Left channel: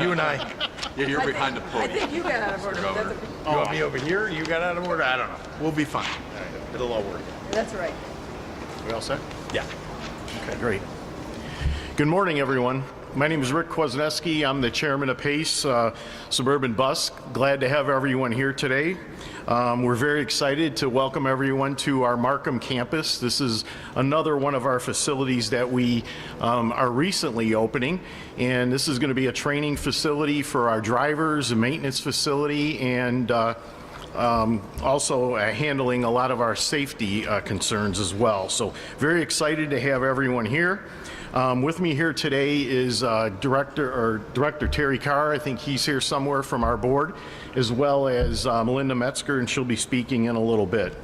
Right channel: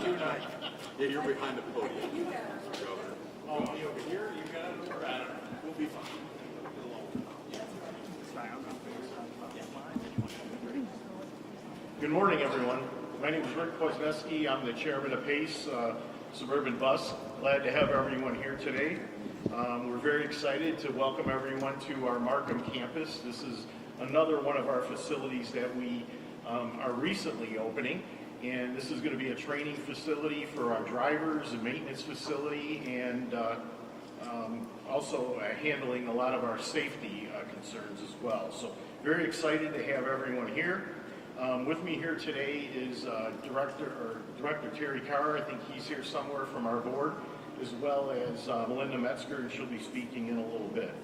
You and I. Yeah, you're behind the I podium. think you got out of order. Governor. That's, You want me over here? You got out of order? I don't know. We'll be fine. It'll all work. that's right. We all set? Yeah. Okay, great. Good morning, everyone. My name is Rick Kwasniewski. I'm the chairman of PACE Suburban Bus. Glad to have everyone here today. We're very excited to welcome everyone to our Markham campus. This is another one of our facilities that we are recently opening, and this is going to be a training facility for our drivers, a maintenance facility, and also handling a lot of our safety concerns as well. So very excited to have everyone here. With me here today is Director Terry Carr. I think he's here somewhere from our board, as well as Melinda Metzger, and she'll be speaking in a little bit.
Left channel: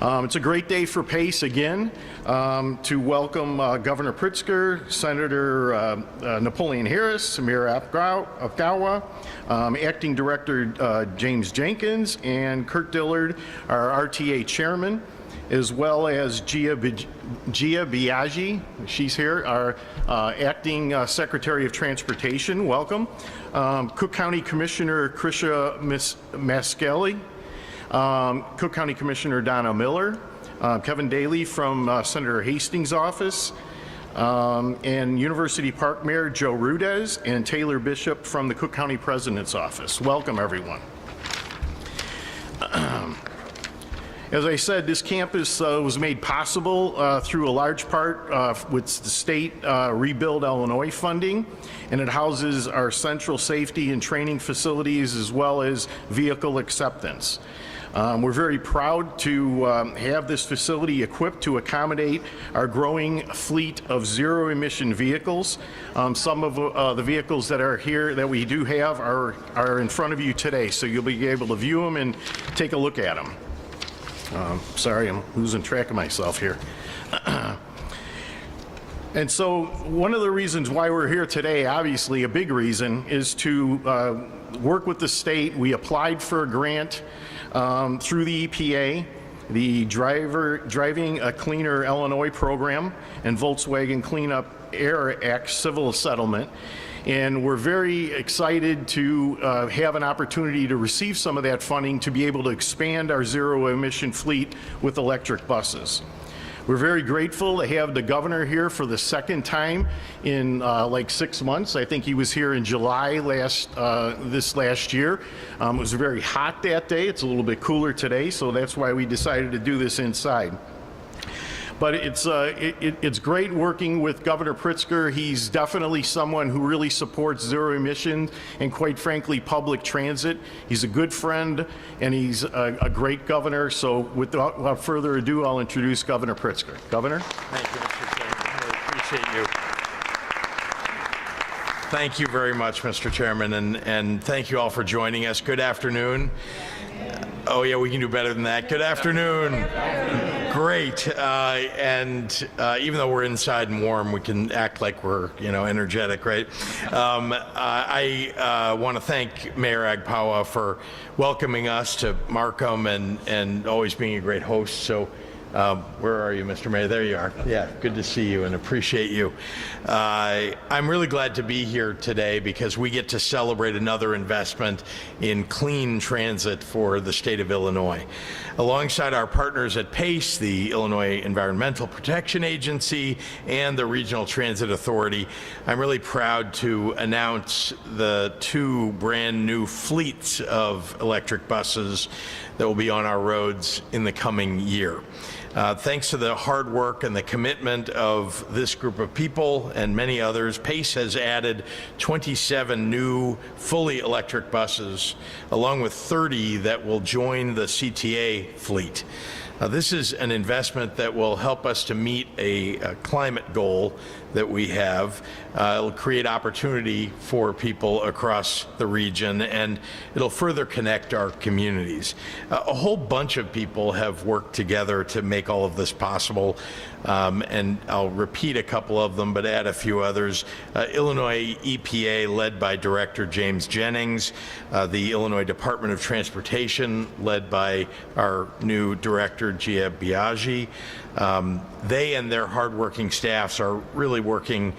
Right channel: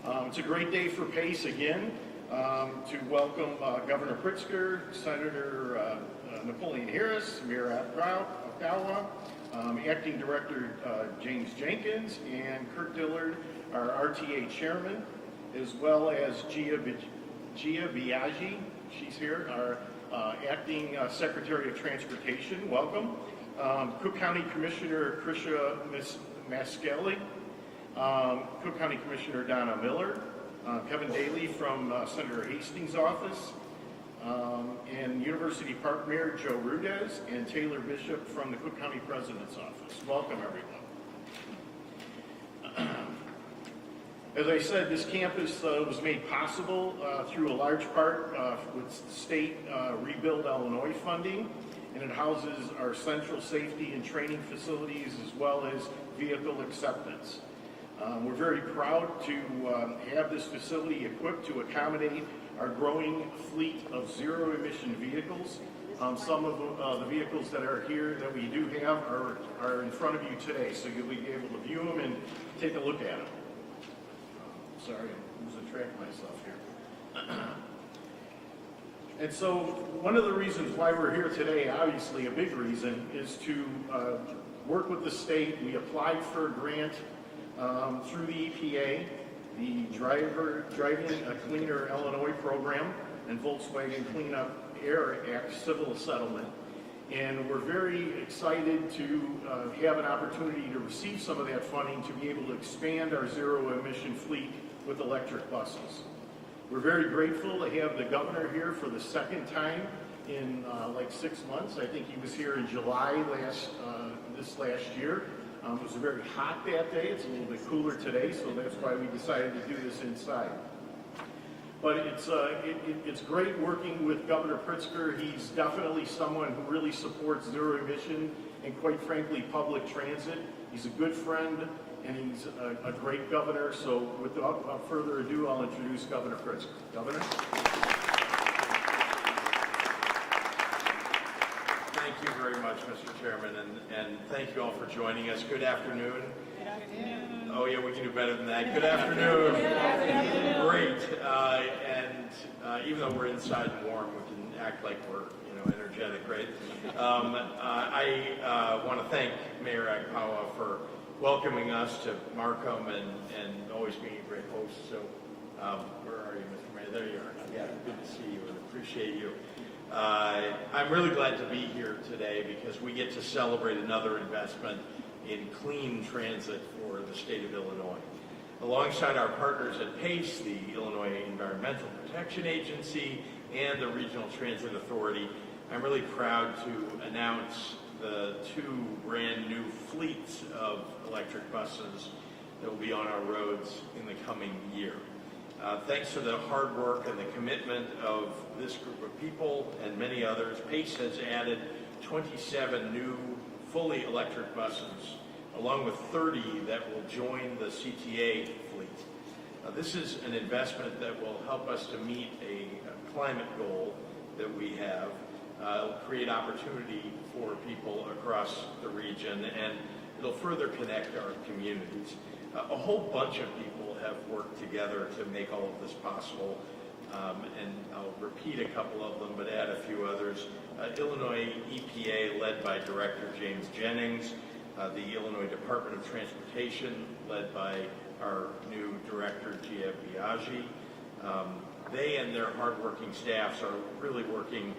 It's a great day for PACE again to welcome Governor Pritzker, Senator Napoleon Harris, Mayor Apgawa, Acting Director James Jenkins, and Kurt Dillard, our RTA chairman, as well as Gia Biaggi, she's here, our Acting Secretary of Transportation, welcome. Cook County Commissioner Krisha Maskelli, Cook County Commissioner Donna Miller, Kevin Daly from Senator Hastings' office, and University Park Mayor Joe Rudez, and Taylor Bishop from the Cook County President's office. Welcome, everyone. As I said, this campus was made possible through a large part with the state Rebuild Illinois funding, and it houses our central safety and training facilities as well as vehicle acceptance. We're very proud to have this facility equipped to accommodate our growing fleet of zero-emission vehicles. Some of the vehicles that are here that we do have are in front of you today, so you'll be able to view them and take a look at them. Sorry, I'm losing track of myself here. And so one of the reasons why we're here today, obviously a big reason, is to work with the state. We applied for a grant through the EPA, the Driving a Cleaner Illinois program, and Volkswagen Clean Up Air Act civil settlement. And we're very excited to have an opportunity to receive some of that funding to be able to expand our zero-emission fleet with electric buses. We're very grateful to have the governor here for the second time in like 6 months. I think he was here in July this last year. It was very hot that day. It's a little bit cooler today, so that's why we decided to do this inside. But it's great working with Governor Pritzker. He's definitely someone who really supports zero emission and, quite frankly, public transit. He's a good friend, and he's a great governor. So without further ado, I'll introduce Governor Pritzker. Governor? Thank you, Mr. Chairman. I appreciate you. Thank you very much, Mr. Chairman, and thank you all for joining us. Good afternoon. Oh yeah, we can do better than that. Good afternoon. Great. And even though we're inside and warm, we can act like we're, energetic, right? I want to thank Mayor Apgawa for welcoming us to Markham and always being a great host. So where are you, Mr. Mayor? There you are. Yeah, good to see you and appreciate you. I'm really glad to be here today because we get to celebrate another investment in clean transit for the state of Illinois. Alongside our partners at PACE, the Illinois Environmental Protection Agency, and the Regional Transit Authority, I'm really proud to announce the 2 brand new fleets of electric buses that will be on our roads in the coming year. Thanks to the hard work and the commitment of this group of people and many others, PACE has added 27 new fully electric buses, along with 30 that will join the CTA fleet. This is an investment that will help us to meet a climate goal that we have. It'll create opportunity for people across the region, and it'll further connect our communities. A whole bunch of people have worked together to make all of this possible, and I'll repeat a couple of them, but add a few others. Illinois EPA, led by Director James Jennings, the Illinois Department of Transportation, led by our new Director Gia Biaggi. They and their hardworking staffs are really working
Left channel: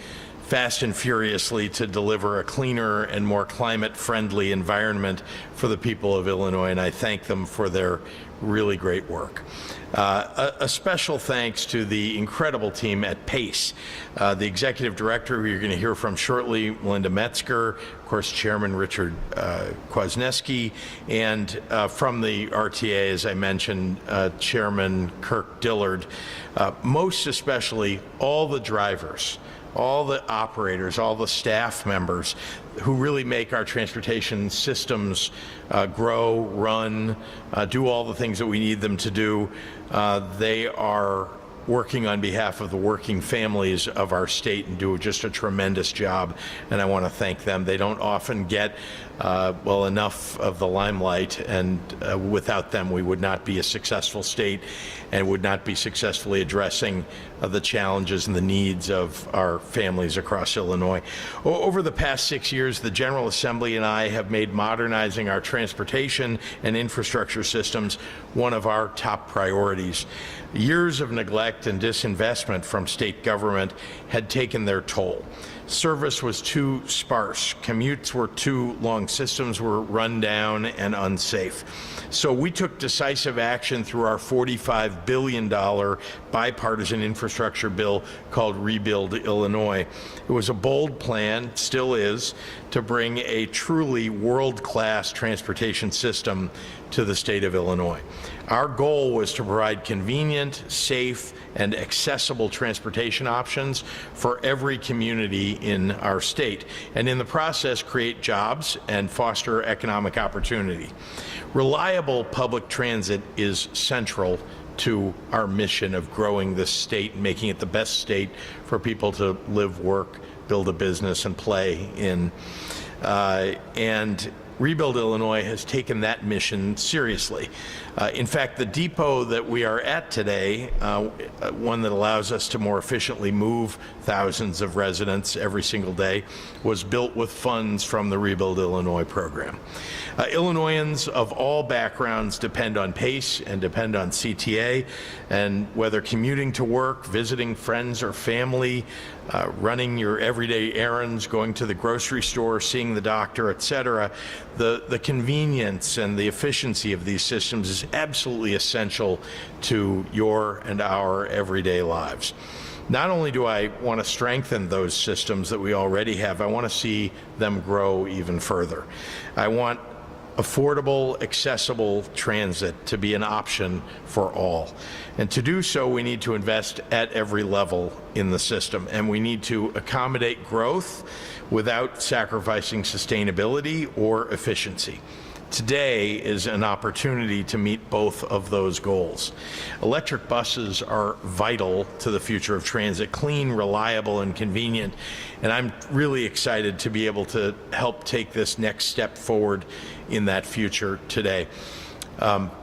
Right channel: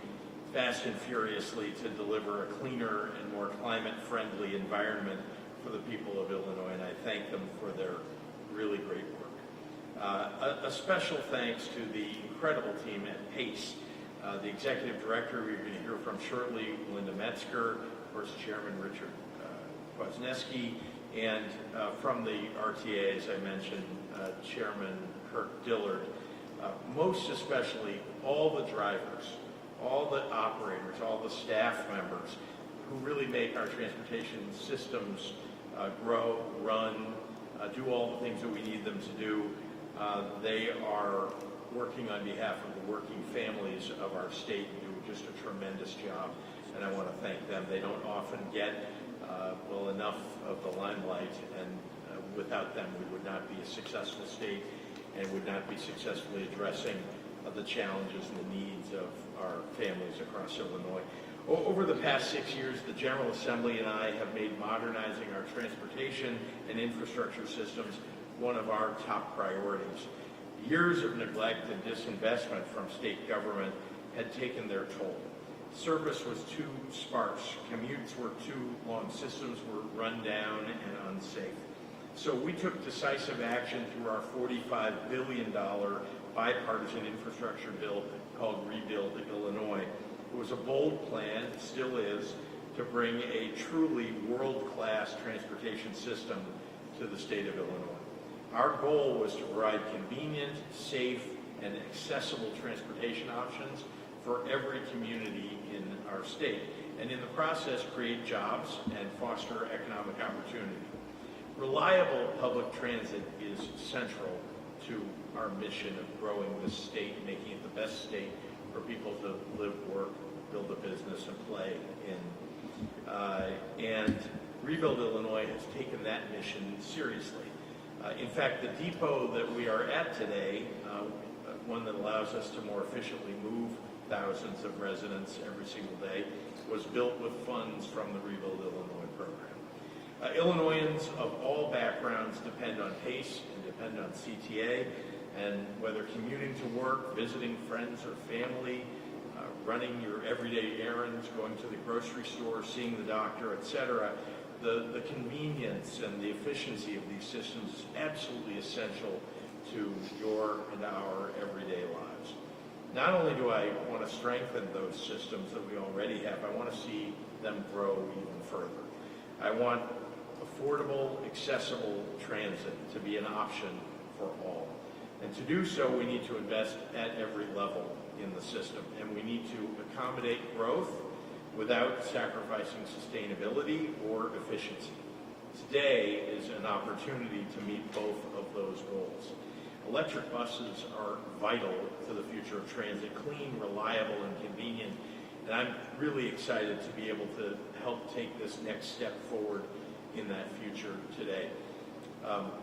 fast and furiously to deliver a cleaner and more climate-friendly environment for the people of Illinois, and I thank them for their really great work. A special thanks to the incredible team at PACE, the executive director who you're going to hear from shortly, Melinda Metzger, of course, Chairman Richard Kwasniewski, and from the RTA, as I mentioned, Chairman Kirk Dillard, most especially all the drivers, all the operators, all the staff members who really make our transportation systems grow, run, do all the things that we need them to do. They are working on behalf of the working families of our state and do just a tremendous job, and I want to thank them. They don't often get well enough of the limelight, and without them we would not be a successful state and would not be successfully addressing the challenges and the needs of our families across Illinois. Over the past 6 years, the General Assembly and I have made modernizing our transportation and infrastructure systems one of our top priorities. Years of neglect and disinvestment from state government had taken their toll. Service was too sparse, commutes were too long, systems were run down and unsafe. So we took decisive action through our $45 billion bipartisan infrastructure bill called Rebuild Illinois. It was a bold plan, still is, to bring a truly world-class transportation system to the state of Illinois. Our goal was to provide convenient, safe, and accessible transportation options for every community in our state, and in the process create jobs and foster economic opportunity. Reliable public transit is central to our mission of growing this state and making it the best state for people to live, work, build a business, and play in. And Rebuild Illinois has taken that mission seriously. In fact, the depot that we are at today, one that allows us to more efficiently move thousands of residents every single day, was built with funds from the Rebuild Illinois program. Illinoisans of all backgrounds depend on PACE and depend on CTA, and whether commuting to work, visiting friends or family, running your everyday errands, going to the grocery store, seeing the doctor, etc., the convenience and the efficiency of these systems is absolutely essential to your and our everyday lives. Not only do I want to strengthen those systems that we already have, I want to see them grow even further. I want affordable, accessible transit to be an option for all. And to do so, we need to invest at every level in the system, and we need to accommodate growth without sacrificing sustainability or efficiency. Today is an opportunity to meet both of those goals. Electric buses are vital to the future of transit, clean, reliable, and convenient, and I'm really excited to be able to help take this next step forward in that future today.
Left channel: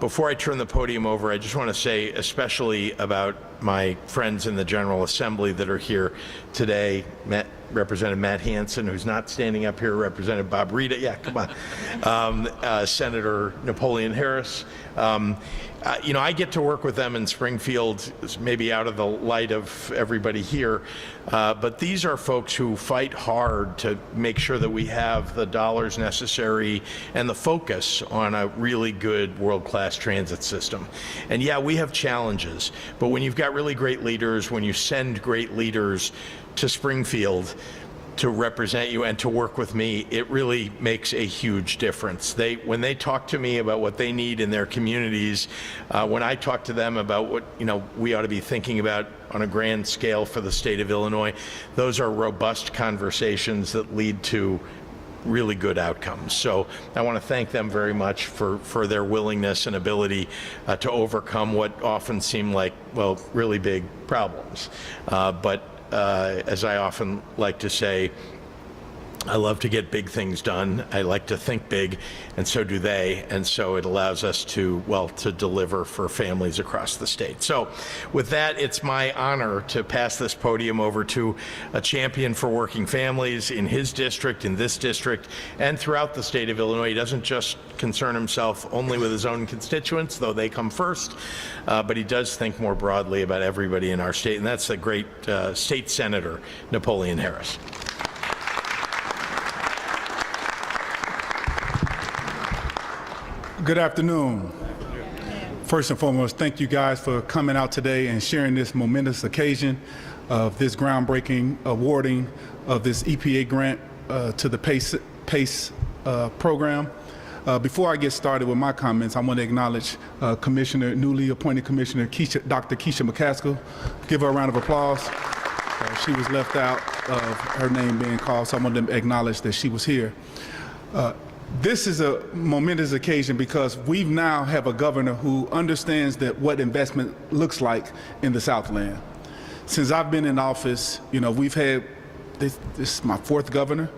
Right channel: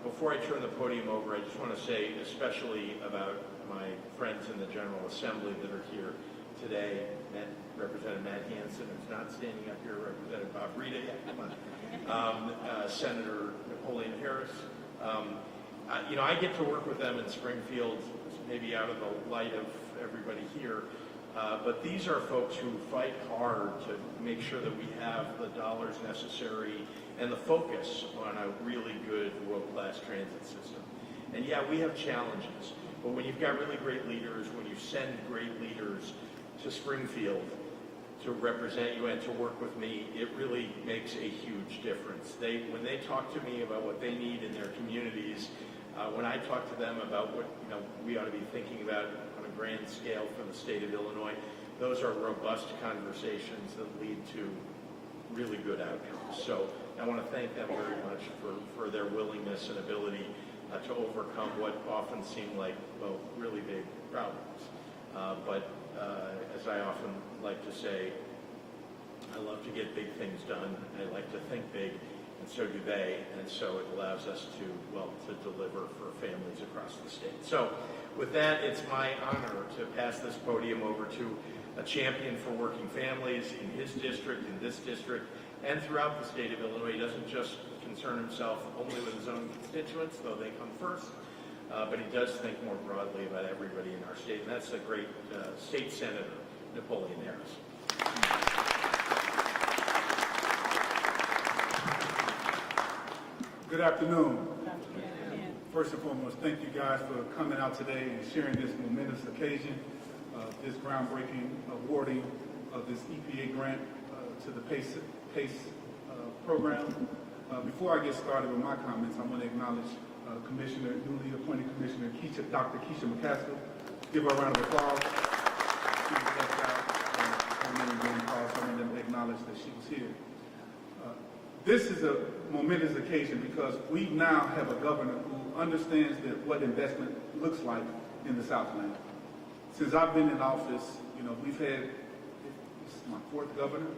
Before I turn the podium over, I just want to say, especially about my friends in the General Assembly that are here today, Representative Matt Hansen, who's not standing up here, Representative Bob Rita, yeah, come on, Senator Napoleon Harris. You know, I get to work with them in Springfield, maybe out of the light of everybody here, but these are folks who fight hard to make sure that we have the dollars necessary and the focus on a really good world-class transit system. And yeah, we have challenges, but when you've got really great leaders, when you send great leaders to Springfield to represent you and to work with me, it really makes a huge difference. When they talk to me about what they need in their communities, when I talk to them about what we ought to be thinking about on a grand scale for the state of Illinois, those are robust conversations that lead to really good outcomes. So I want to thank them very much for their willingness and ability to overcome what often seem like, well, really big problems. But as I often like to say, I love to get big things done. I like to think big, and so do they. And so it allows us to, well, to deliver for families across the state. So with that, it's my honor to pass this podium over to a champion for working families in his district, in this district, and throughout the state of Illinois. He doesn't just concern himself only with his own constituents, though they come first, but he does think more broadly about everybody in our state, and that's the great State Senator Napoleon Harris. Good afternoon. First and foremost, thank you guys for coming out today and sharing this momentous occasion of this groundbreaking awarding of this EPA grant to the PACE program. Before I get started with my comments, I want to acknowledge newly appointed Commissioner Dr. Keisha McCaskill. Give her a round of applause. She was left out of her name being called, so I want to acknowledge that she was here. This is a momentous occasion because we now have a governor who understands that what investment looks like in the Southland. Since I've been in office, we've had, this is my fourth governor,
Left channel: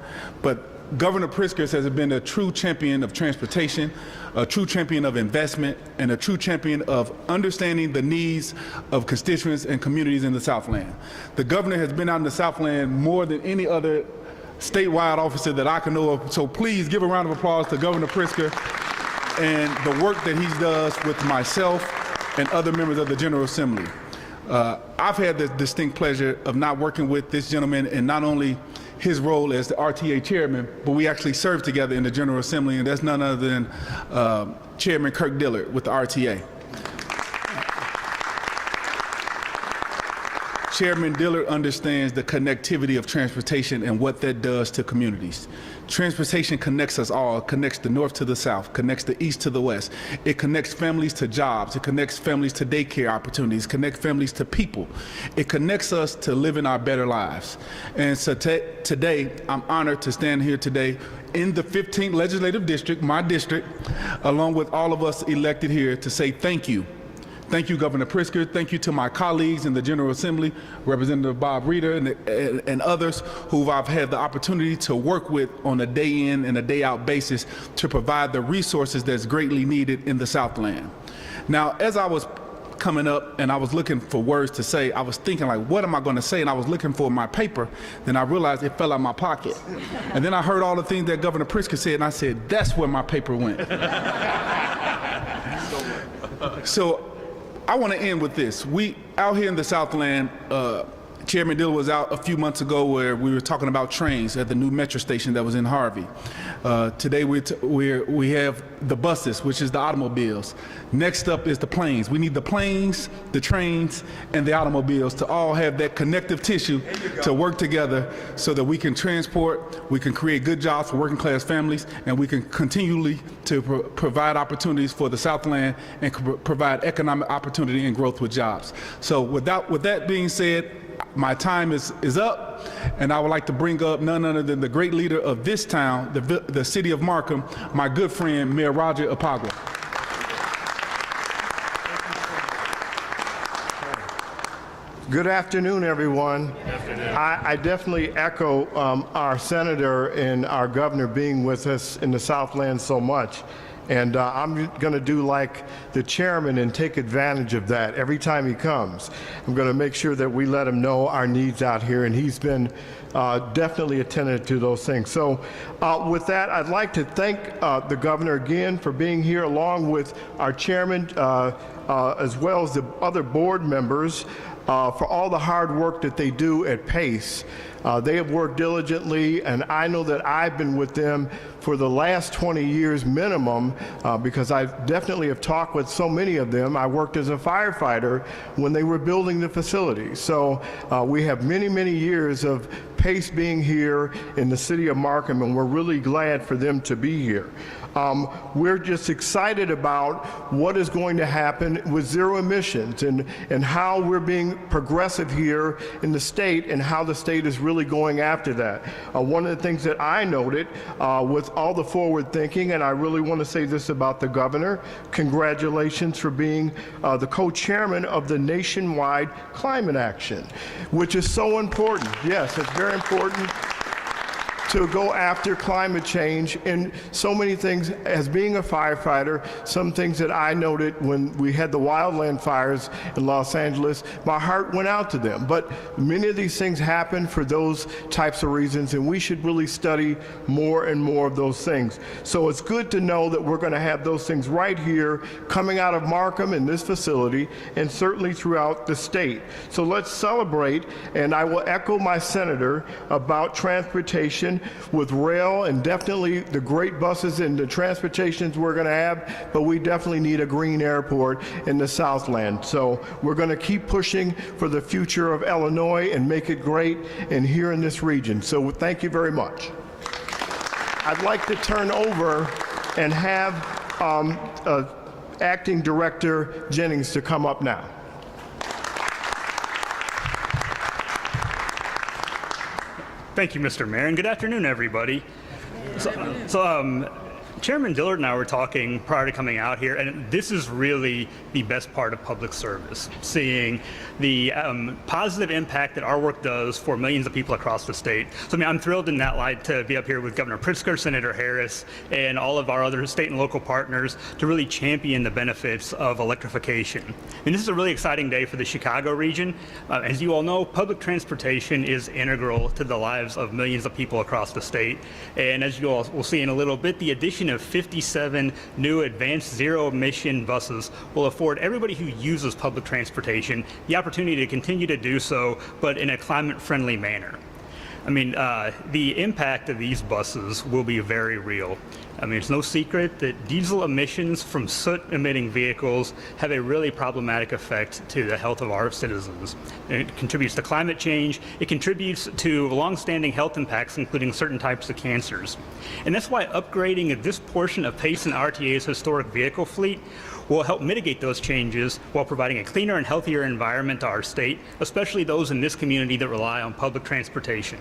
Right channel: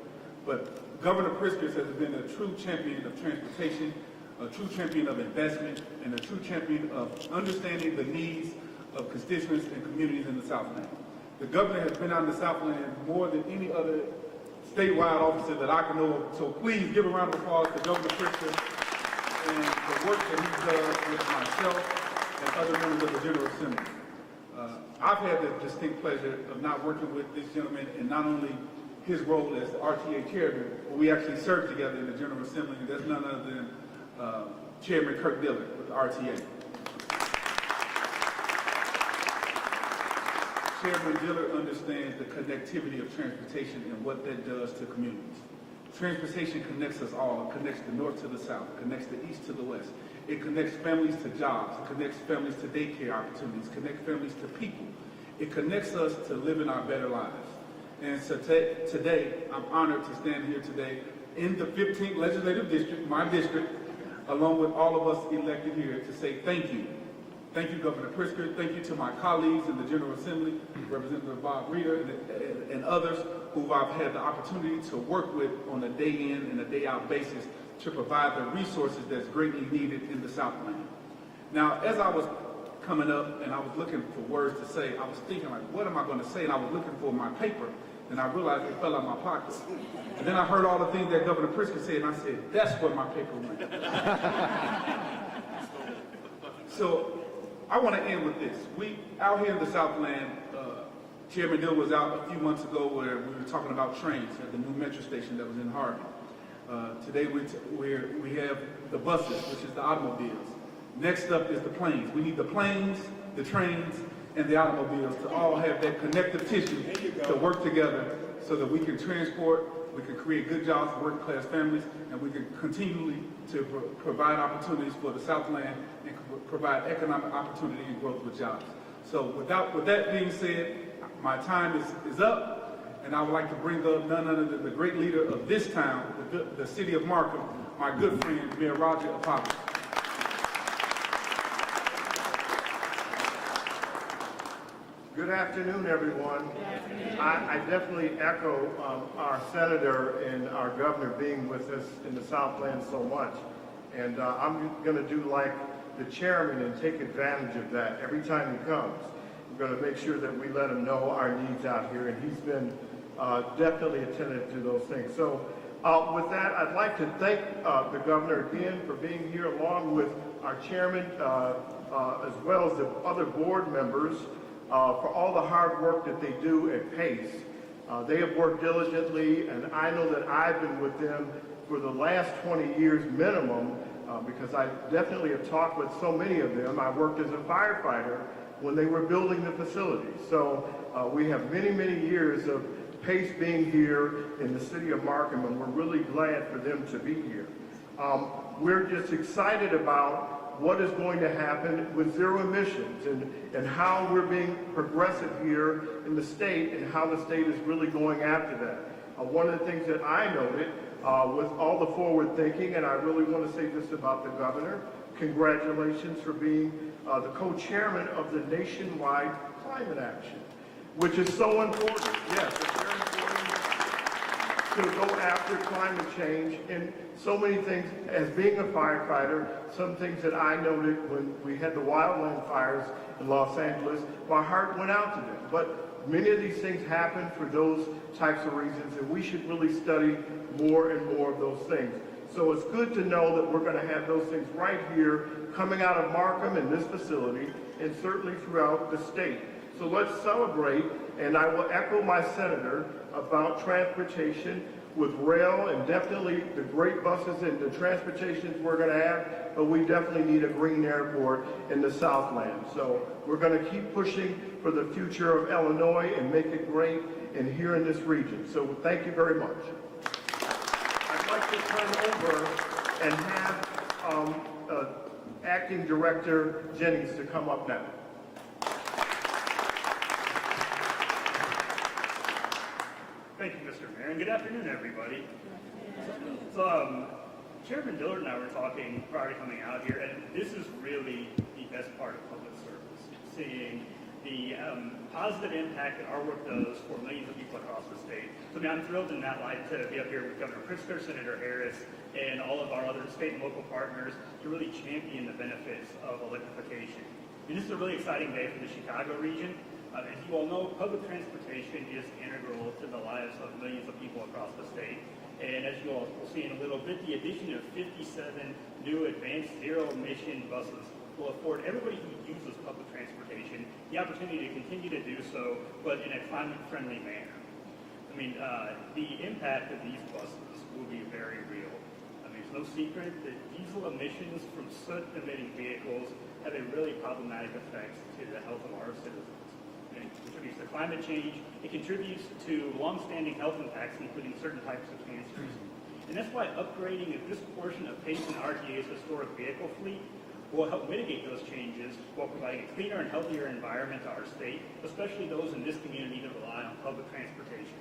but Governor Pritzker has been a true champion of transportation, a true champion of investment, and a true champion of understanding the needs of constituents and communities in the Southland. The governor has been out in the Southland more than any other statewide officer that I can know of. So please give a round of applause to Governor Pritzker and the work that he does with myself and other members of the General Assembly. I've had the distinct pleasure of not working with this gentleman in not only his role as the RTA chairman, but we actually served together in the General Assembly, and that's none other than Chairman Kirk Dillard with the RTA. Chairman Dillard understands the connectivity of transportation and what that does to communities. Transportation connects us all. It connects the north to the south, connects the east to the west. It connects families to jobs. It connects families to daycare opportunities, connects families to people. It connects us to living our better lives. And so today, I'm honored to stand here today in the 15th Legislative District, my district, along with all of us elected here to say thank you. Thank you, Governor Pritzker. Thank you to my colleagues in the General Assembly, Representative Bob Reeder and others who I've had the opportunity to work with on a day in and a day out basis to provide the resources that's greatly needed in the Southland. Now, as I was coming up and I was looking for words to say, I was thinking like, what am I going to say? And I was looking for my paper. Then I realized it fell out of my pocket. And then I heard all the things that Governor Pritzker said, and I said, that's where my paper went. So I want to end with this. We out here in the Southland, Chairman Dillard was out a few months ago where we were talking about trains at the new metro station that was in Harvey. Today we have the buses, which is the automobiles. Next up is the planes. We need the planes, the trains, and the automobiles to all have that connective tissue to work together so that we can transport, we can create good jobs for working class families, and we can continually to provide opportunities for the Southland and provide economic opportunity and growth with jobs. So with that being said, my time is up, and I would like to bring up none other than the great leader of this town, the city of Markham, my good friend, Mayor Roger Apagua. Good afternoon, everyone. I definitely echo our senator and our governor being with us in the Southland so much. And I'm going to do like the chairman and take advantage of that every time he comes. I'm going to make sure that we let him know our needs out here, and he's been definitely attentive to those things. So with that, I'd like to thank the governor again for being here, along with our chairman, as well as the other board members, for all the hard work that they do at PACE. They have worked diligently, and I know that I've been with them for the last 20 years minimum, because I definitely have talked with so many of them. I worked as a firefighter when they were building the facility. So we have many, many years of PACE being here in the city of Markham, and we're really glad for them to be here. We're just excited about what is going to happen with zero emissions and how we're being progressive here in the state and how the state is really going after that. One of the things that I noted with all the forward thinking, and I really want to say this about the governor, congratulations for being the co-chairman of the nationwide climate action, which is so important. Yes, it's very important to go after climate change and so many things. As being a firefighter, some things that I noted when we had the wildland fires in Los Angeles, my heart went out to them. But many of these things happen for those types of reasons, and we should really study more and more of those things. So it's good to know that we're going to have those things right here coming out of Markham in this facility and certainly throughout the state. So let's celebrate, and I will echo my senator about transportation with rail and definitely the great buses and the transportations we're going to have, but we definitely need a green airport in the Southland. So we're going to keep pushing for the future of Illinois and make it great and here in this region. So thank you very much. I'd like to turn over and have Acting Director Jennings to come up now. Thank you, Mr. Mayor, and good afternoon, everybody. Chairman Dillard and I were talking prior to coming out here, and this is really the best part of public service, seeing the positive impact that our work does for millions of people across the state. So, I mean, I'm thrilled in that light to be up here with Governor Pritzker, Senator Harris, and all of our other state and local partners to really champion the benefits of electrification. And this is a really exciting day for the Chicago region. As you all know, public transportation is integral to the lives of millions of people across the state. And as you all will see in a little bit, the addition of 57 new advanced zero-emission buses will afford everybody who uses public transportation the opportunity to continue to do so, but in a climate-friendly manner. I mean, the impact of these buses will be very real. I mean, it's no secret that diesel emissions from soot-emitting vehicles have a really problematic effect to the health of our citizens. It contributes to climate change. It contributes to long-standing health impacts, including certain types of cancers. And that's why upgrading this portion of PACE and RTA's historic vehicle fleet will help mitigate those changes while providing a cleaner and healthier environment to our state, especially those in this community that rely on public transportation.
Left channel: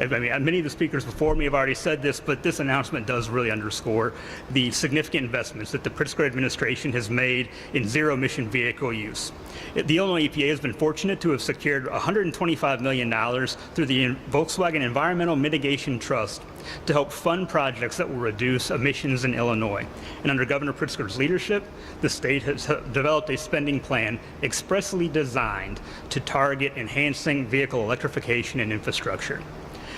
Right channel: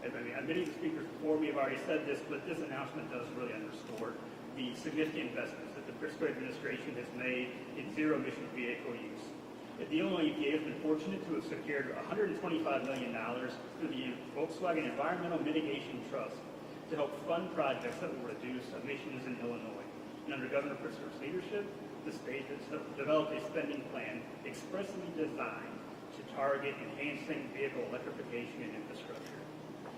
I mean, many of the speakers before me have already said this, but this announcement does really underscore the significant investments that the Pritzker administration has made in zero-emission vehicle use. The Illinois EPA has been fortunate to have secured $125 million through the Volkswagen Environmental Mitigation Trust to help fund projects that will reduce emissions in Illinois. And under Governor Pritzker's leadership, the state has developed a spending plan expressly designed to target enhancing vehicle electrification and infrastructure.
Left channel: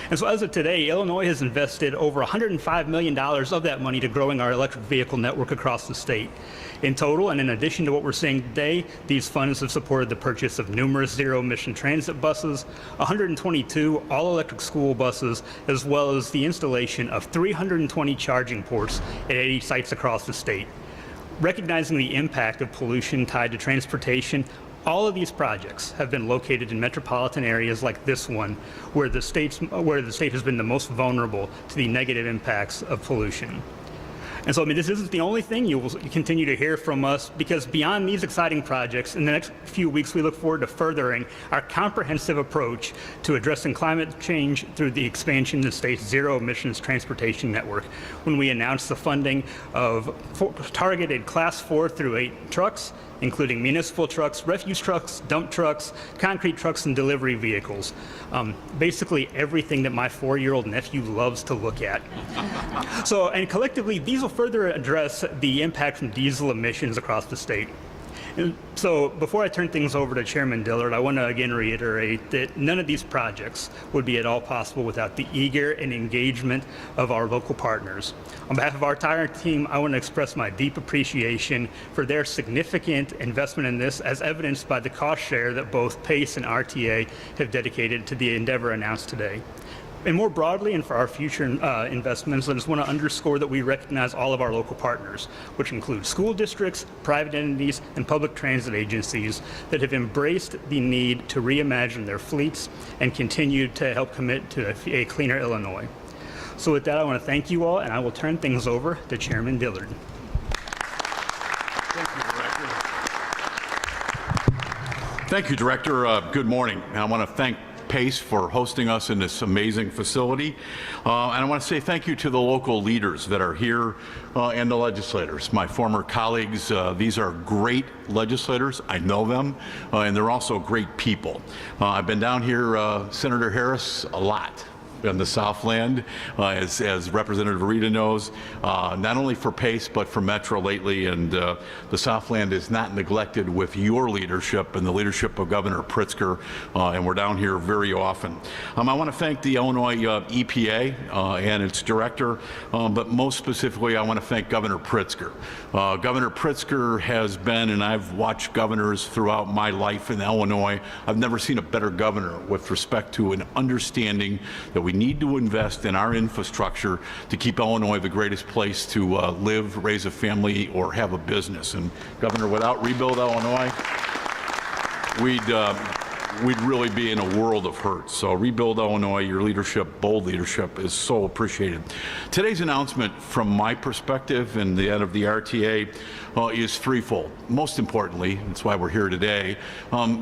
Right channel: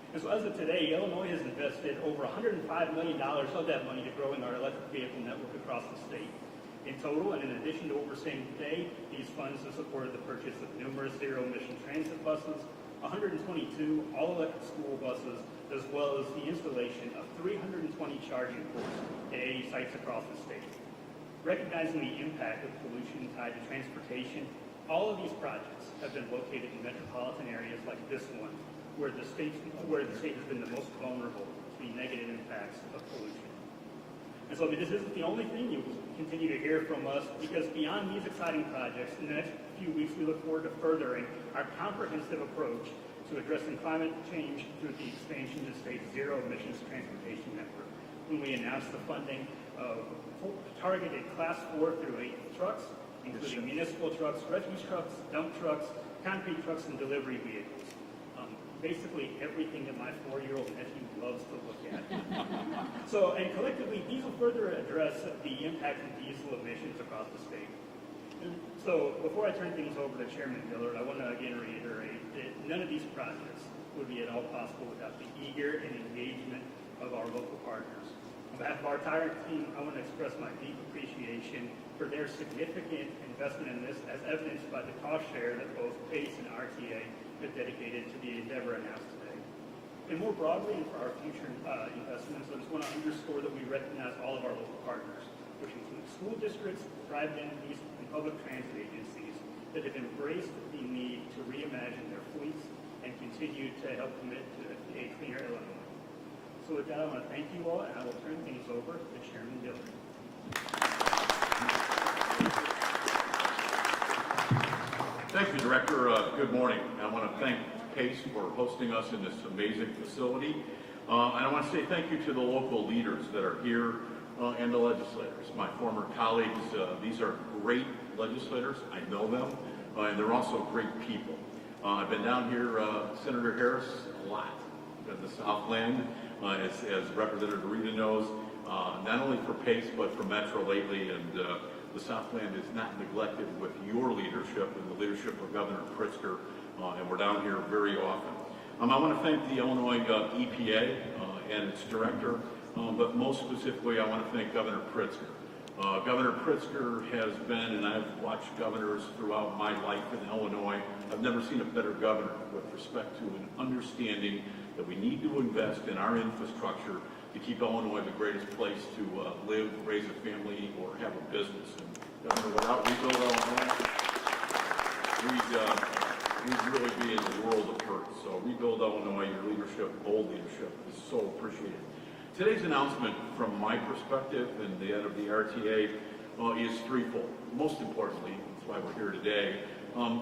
And so as of today, Illinois has invested over $105 million of that money to growing our electric vehicle network across the state. In total, and in addition to what we're seeing today, these funds have supported the purchase of numerous zero-emission transit buses, 122 all-electric school buses, as well as the installation of 320 charging ports at 80 sites across the state. Recognizing the impact of pollution tied to transportation, all of these projects have been located in metropolitan areas like this one, where the state has been the most vulnerable to the negative impacts of pollution. And so, I mean, this isn't the only thing you will continue to hear from us, because beyond these exciting projects, in the next few weeks, we look forward to furthering our comprehensive approach to addressing climate change through the expansion of the state's zero-emissions transportation network, when we announce the funding of targeted Class 4 through 8 trucks, including municipal trucks, refuse trucks, dump trucks, concrete trucks, and delivery vehicles. Basically everything that my 4-year-old nephew loves to look at. So, and collectively, these will further address the impact from diesel emissions across the state. And so before I turn things over to Chairman Dillard, I want to again reiterate that none of these projects would be at all possible without the eager and engagement of our local partners. On behalf of our entire team, I want to express my deep appreciation for their significant investment in this, as evidenced by the cost share that both PACE and RTA have dedicated to the endeavor announced today. And more broadly, and for our future investments, I just want to underscore that we recognize all of our local partners, which include school districts, private entities, and public transit agencies that have embraced the need to reimagine their fleets and continue to help commit to a cleaner Illinois. So with that, I want to thank you all, and I will turn things over to Chairman Dillard. Thank you, Director. Good morning. And I want to thank PACE for hosting us in this amazing facility. And I want to say thank you to the local leaders that are here and the legislators, my former colleagues. These are great legislators. I know them, and they're also great people. I've been down here, Senator Harris, a lot. in the Southland, as Representative Rita knows, not only for PACE, but for Metro lately. And the Southland is not neglected with your leadership and the leadership of Governor Pritzker, and we're down here very often. I want to thank the Illinois EPA and its director, but most specifically, I want to thank Governor Pritzker. Governor Pritzker has been, and I've watched governors throughout my life in Illinois, I've never seen a better governor with respect to an understanding that we need to invest in our infrastructure to keep Illinois the greatest place to live, raise a family, or have a business. And Governor, without Rebuild Illinois, we'd really be in a world of hurt. So Rebuild Illinois, your leadership, bold leadership, is so appreciated. Today's announcement, from my perspective and the end of the RTA, is threefold. Most importantly, that's why we're here today,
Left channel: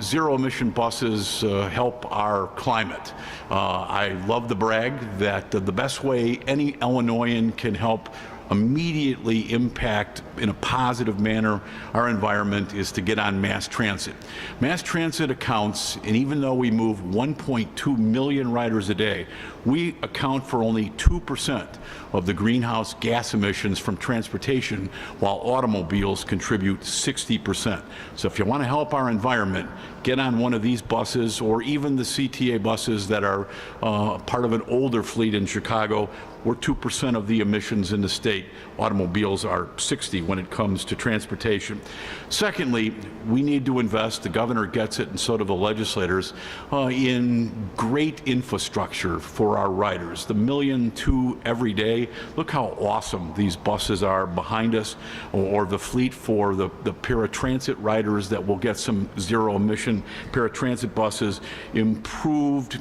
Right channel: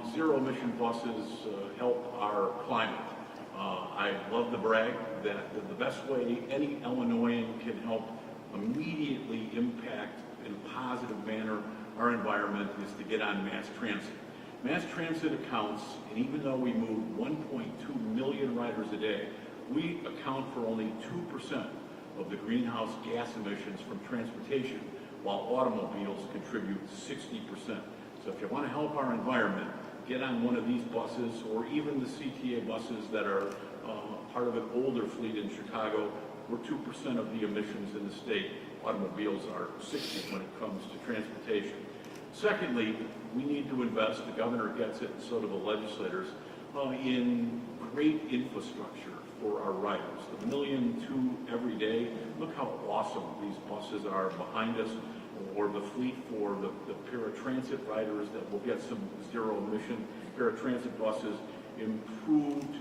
zero-emission buses help our climate. I love to brag that the best way any Illinoisan can help immediately impact in a positive manner our environment is to get on mass transit. Mass transit accounts, and even though we move 1.2 million riders a day, we account for only 2% of the greenhouse gas emissions from transportation, while automobiles contribute 60%. So if you want to help our environment, get on one of these buses, or even the CTA buses that are part of an older fleet in Chicago. We're 2% of the emissions in the state. Automobiles are 60 when it comes to transportation. Secondly, we need to invest, the governor gets it and so do the legislators, in great infrastructure for our riders. The 1.2 million every day, look how awesome these buses are behind us, or the fleet for the paratransit riders that will get some zero emission paratransit buses, improved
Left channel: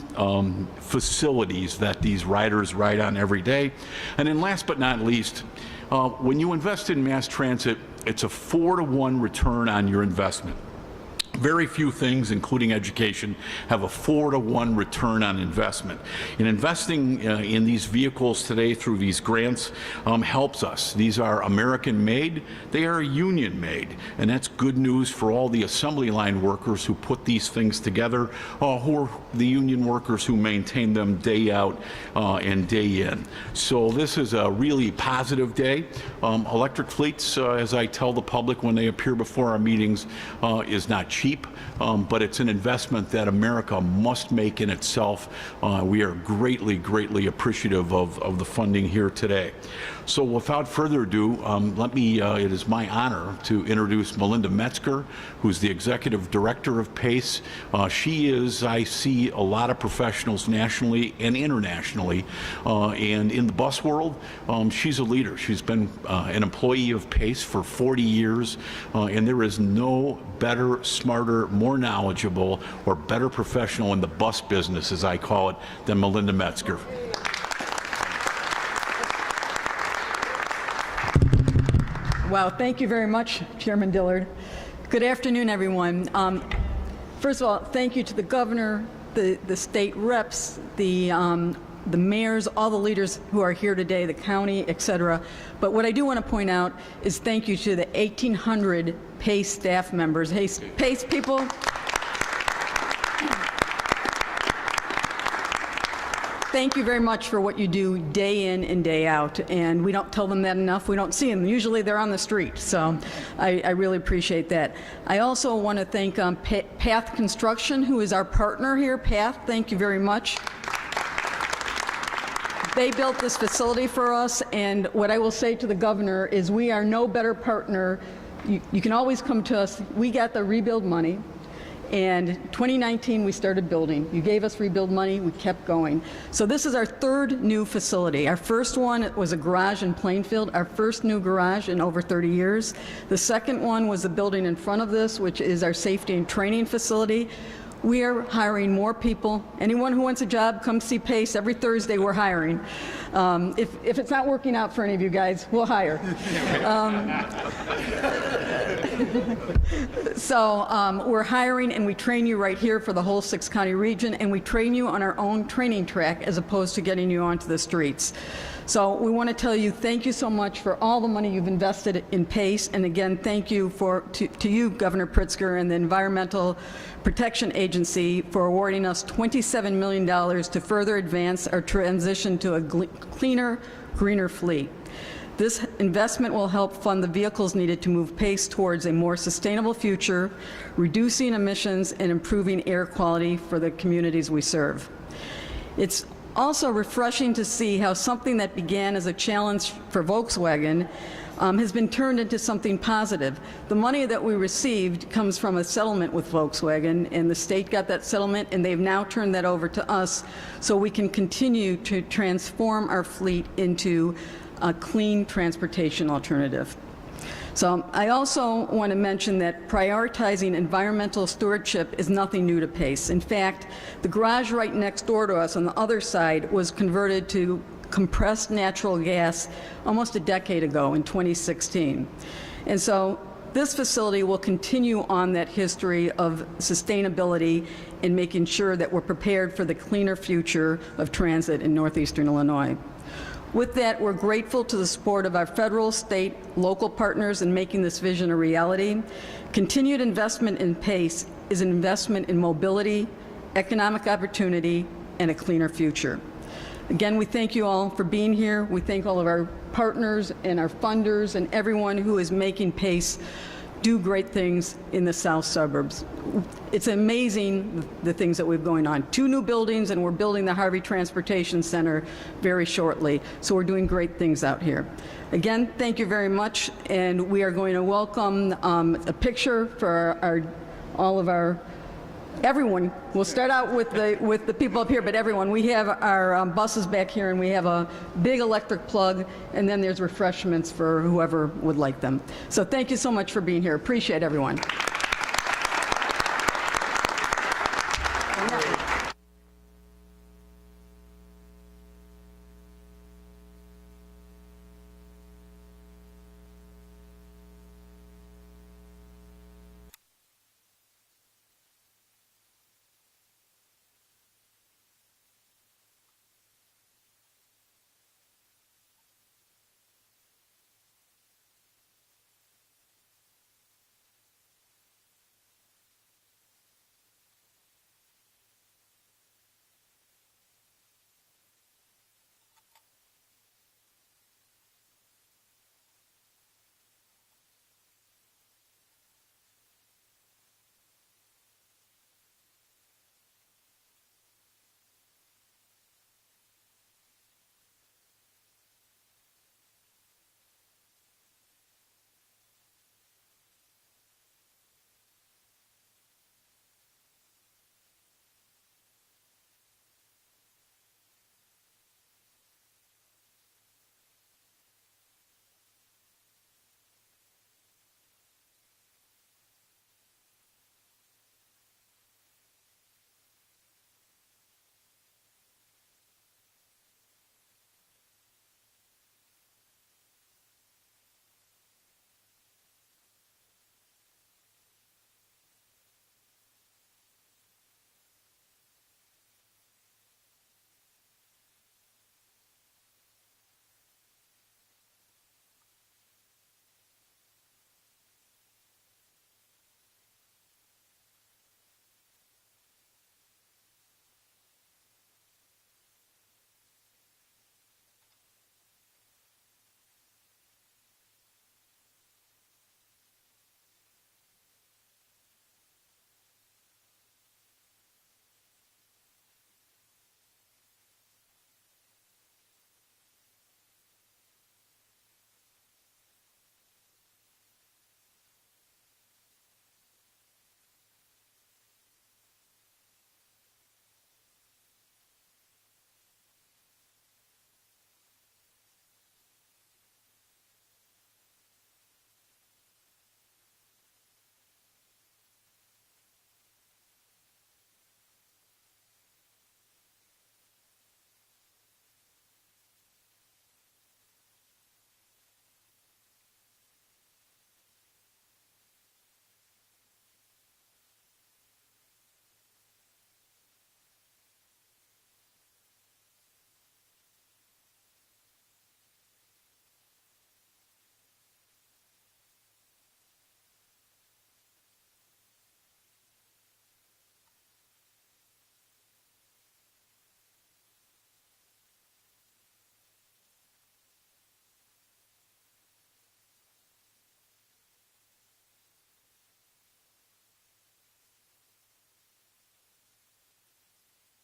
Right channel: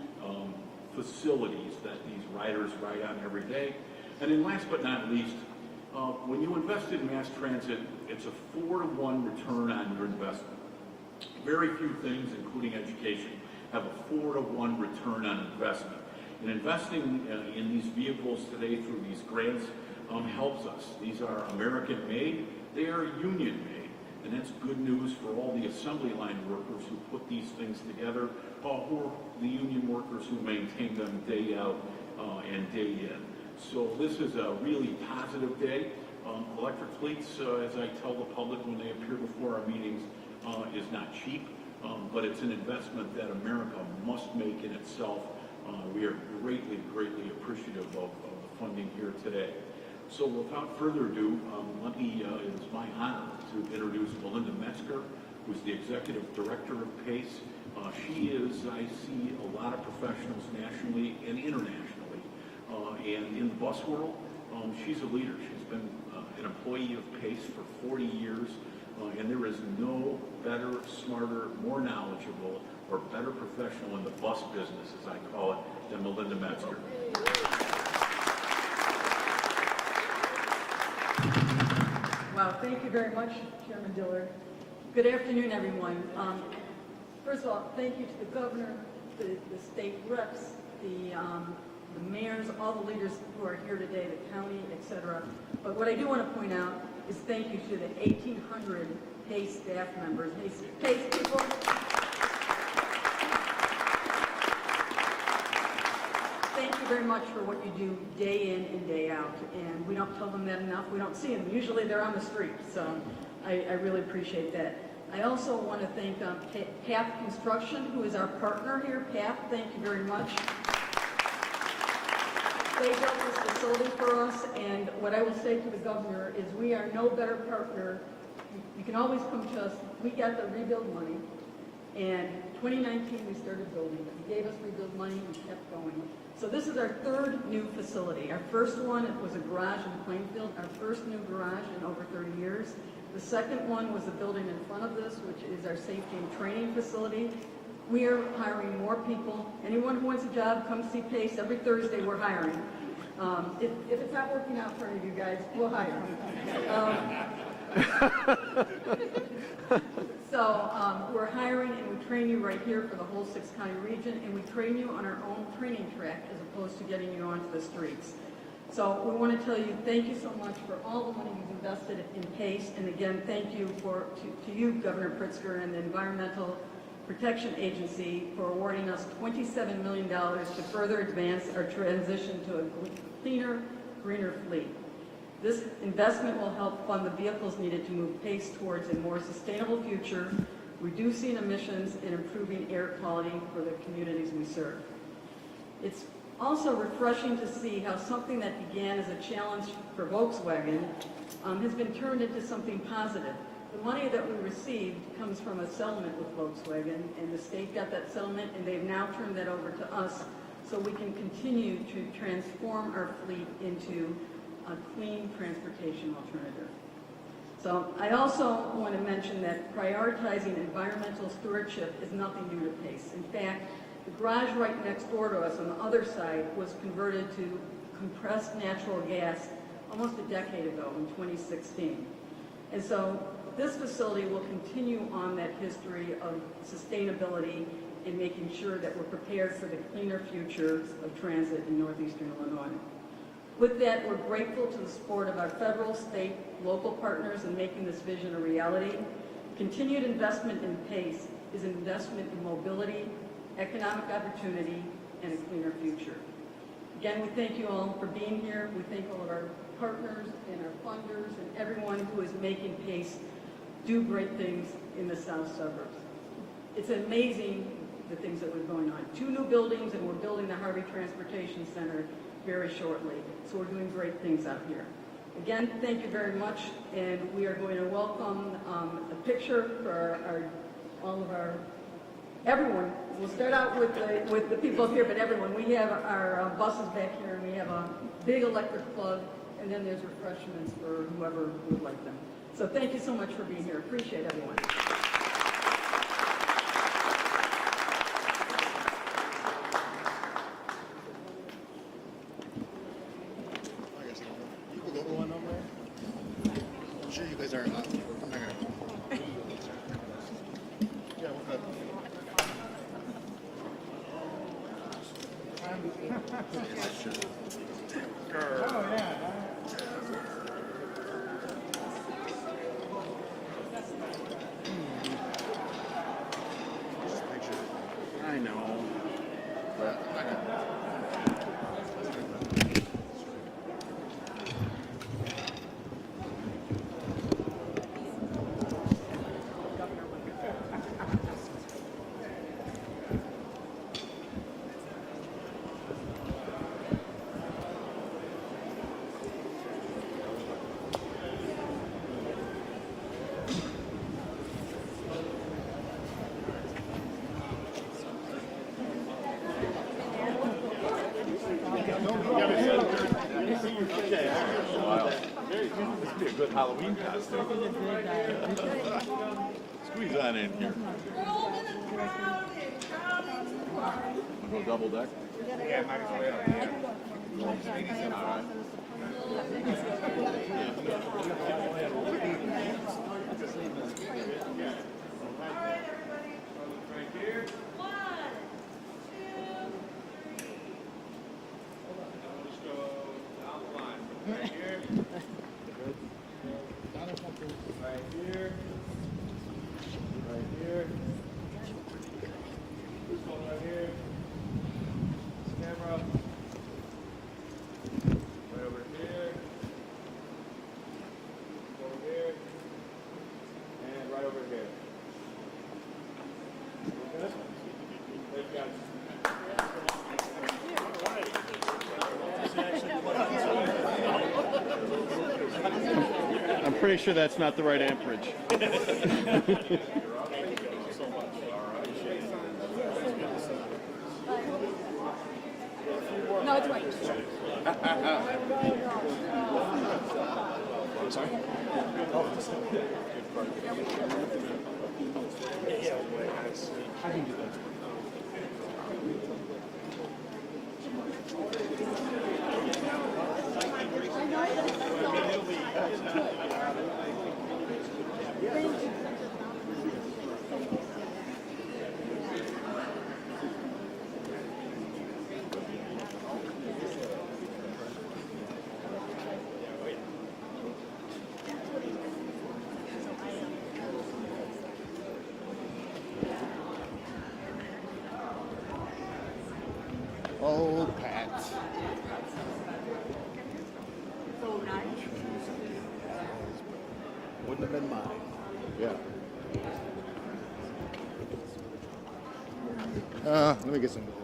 facilities that these riders ride on every day. And then last but not least, when you invest in mass transit, it's a 4-to-1 return on your investment. Very few things, including education, have a 4-to-1 return on investment. And investing in these vehicles today through these grants helps us. These are American-made, they are union-made, and that's good news for all the assembly line workers who put these things together, who are the union workers who maintain them day out and day in. So this is a really positive day. Electric fleets, as I tell the public when they appear before our meetings, is not cheap, but it's an investment that America must make in itself. We are greatly, greatly appreciative of the funding here today. So without further ado, it is my honor to introduce Melinda Metzger, who's the Executive Director of PACE. She is, I see a lot of professionals nationally and internationally, and in the bus world, she's a leader. She's been an employee of PACE for 40 years, and there is no better, smarter, more knowledgeable, or better professional in the bus business, as I call it, than Melinda Metzger. Wow, thank you very much, Chairman Dillard. Good afternoon, everyone. First of all, thank you to the governor, the state reps, the mayors, all the leaders who are here today, the county, et cetera. But what I do want to point out is thank you to the 1,800 PACE staff members. Hey, PACE people. Thank you very much for what you do day in and day out, and we don't tell them that enough. We don't see them. Usually they're on the street, so I really appreciate that. I also want to thank Path Construction, who is our partner here. Path, thank you very much. They built this facility for us, and what I will say to the governor is we are no better partner. You can always come to us. We got the rebuild money. And 2019, we started building. You gave us rebuild money, we kept going. So this is our third new facility. Our first one was a garage in Plainfield, our first new garage in over 30 years. The second one was the building in front of this, which is our safety and training facility. We are hiring more people. Anyone who wants a job, come see PACE. Every Thursday, we're hiring. If it's not working out for any of you guys, we'll hire. So we're hiring, and we train you right here for the whole 6-county region, and we train you on our own training track as opposed to getting you onto the streets. So we want to tell you thank you so much for all the money you've invested in PACE, and again, thank you to you, Governor Pritzker, and the Environmental Protection Agency for awarding us $27 million to further advance our transition to a cleaner, greener fleet. This investment will help fund the vehicles needed to move PACE towards a more sustainable future, reducing emissions and improving air quality for the communities we serve. It's also refreshing to see how something that began as a challenge for Volkswagen has been turned into something positive. The money that we received comes from a settlement with Volkswagen, and the state got that settlement, and they've now turned that over to us so we can continue to transform our fleet into a clean transportation alternative. So I also want to mention that prioritizing environmental stewardship is nothing new to PACE. In fact, the garage right next door to us on the other side was converted to compressed natural gas almost a decade ago in 2016. And so this facility will continue on that history of sustainability and making sure that we're prepared for the cleaner future of transit in northeastern Illinois. With that, we're grateful to the support of our federal, state, local partners in making this vision a reality. Continued investment in PACE is an investment in mobility, economic opportunity, and a cleaner future. Again, we thank you all for being here. We thank all of our partners and our funders and everyone who is making PACE do great things in the south suburbs. It's amazing the things that we've going on. 2 new buildings, and we're building the Harvey Transportation Center very shortly. So we're doing great things out here. Again, thank you very much, and we are going to welcome a picture for all of our everyone. We'll start out with the people up here, but everyone. We have our buses back here, and we have a big electric plug, and then there's refreshments for whoever would like them. So thank you so much for being here. Appreciate everyone. Good Halloween costume. Squeeze on in here. No double deck? Yeah, might as well. All right. I'm pretty sure that's not the right amperage. No, it's right. I'm sorry? I can do that. than mine. Yeah. Let me get some.